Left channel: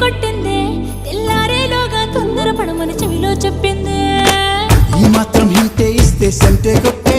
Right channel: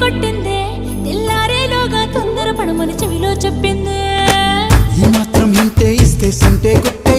కొట్టిందే తెల్లారేలోగా తొందర పడమని చెవిలో చెప్పిందే ఈ మాత్రం హింటే ఇస్తే సంటే కొట్టే